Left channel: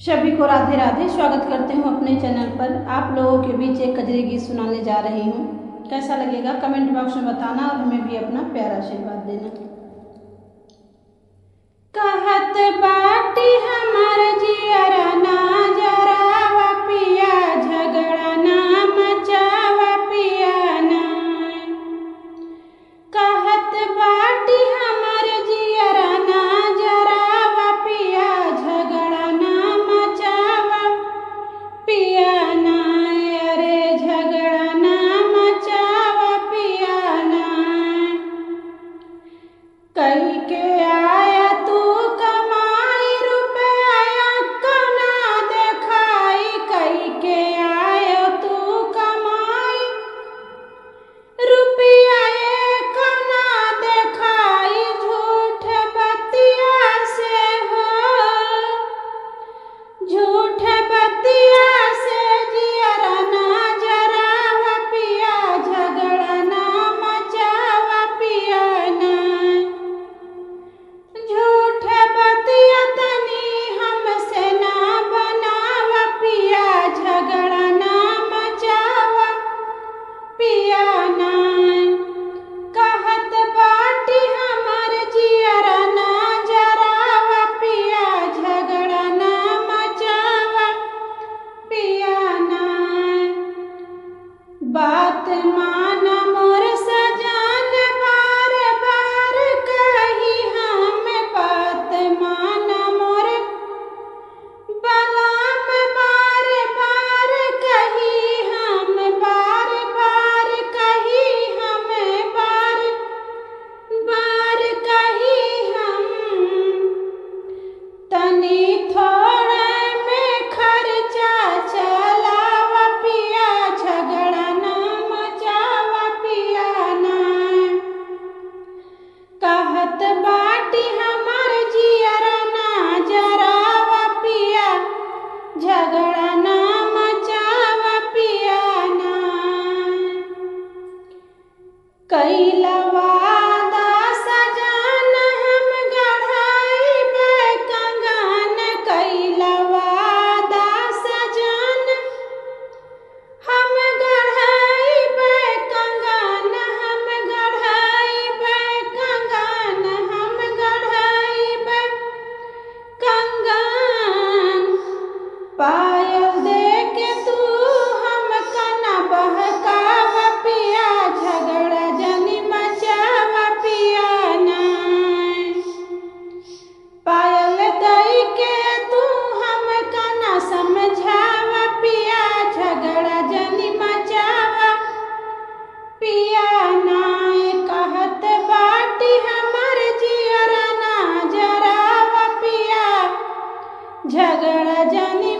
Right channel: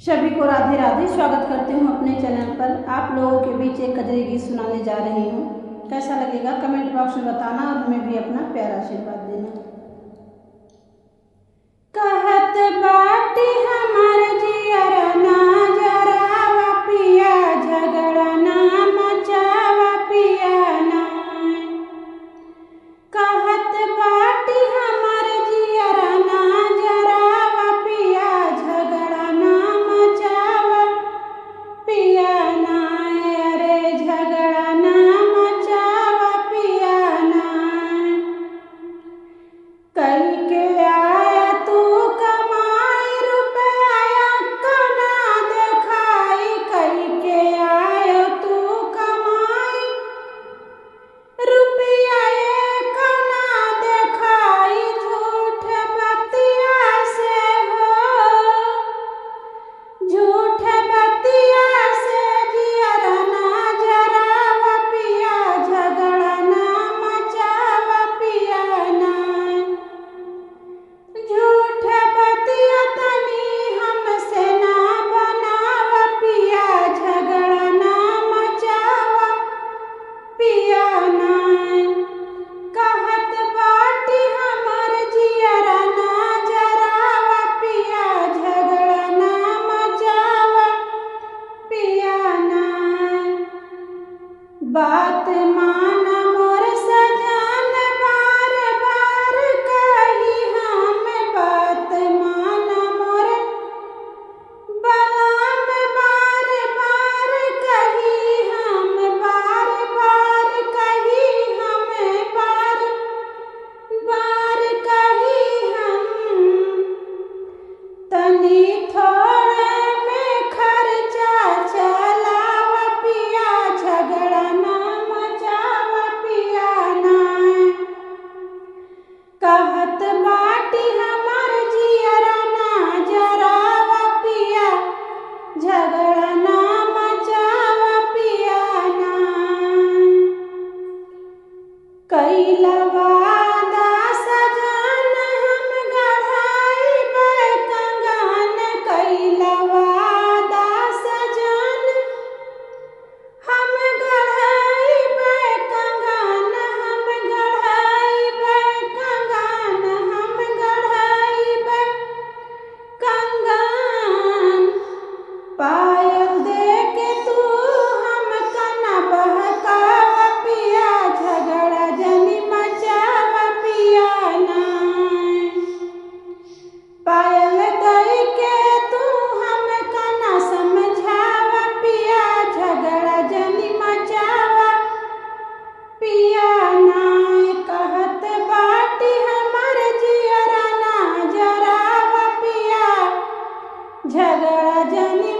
सभी को राधे राधे। स्वागत करती हूँ अपने चैनल पर। आप लोगों के बीच एक कजरी गीत सुनाने जा रही हूँ। कैसा लगेगा कमेंट बॉक्स में बताना और हमें भी अपना प्यारा आशीर्वाद देना। कहत बाटी हमार जियरा ना जरावा पिया, झगड़ा ना मचावा पिया ना। कहत बाटी हमार जियरा ना जरावा पिया, झगड़ा ना मचावा पिया ना। अरे झगड़ा ना मचावा पिया ना। कई के आया तू कमाई रुपया कना देखाई, कई के आया तू कमाई रुपया कना देखाई। झूठ बतिया से हो, झूठ बतिया से जियरा ना जरावा पिया, झगड़ा ना मचावा पिया ना। झूठ बतिया तनी हमसे ना बनावा पिया, झगड़ा ना मचावा पिया ना। कहत बाटी हमार जियरा ना जरावा पिया, झगड़ा ना मचावा पिया ना। बात माना मोर सजान बार बार कही हम, बात माना मोर बलाम बार बार कही हम, बार बार कही हम, बार बार कही हम। तनी थोड़े में खर्चा चलावा पिया, झगड़ा ना मचावा पिया ना। कहत बाटी हमार जियरा ना जरावा पिया, झगड़ा ना मचावा पिया ना। कैला वादा सजान हम गढ़ाइबे कंगन, कैला वादा सजान हम गढ़ाइबे कंगन, हम गढ़ाइबे कंगन, हम गढ़ाइबे कंगन। पायल दे के तू हम कना बहकावा पिया, झगड़ा जनी मचावा पिया ना। पायल दई के तू हम कना समझावा पिया, झगड़ा जनी मचावा पिया ना। कहत बाटी हमार जियरा ना जरावा पिया, झगड़ा जनी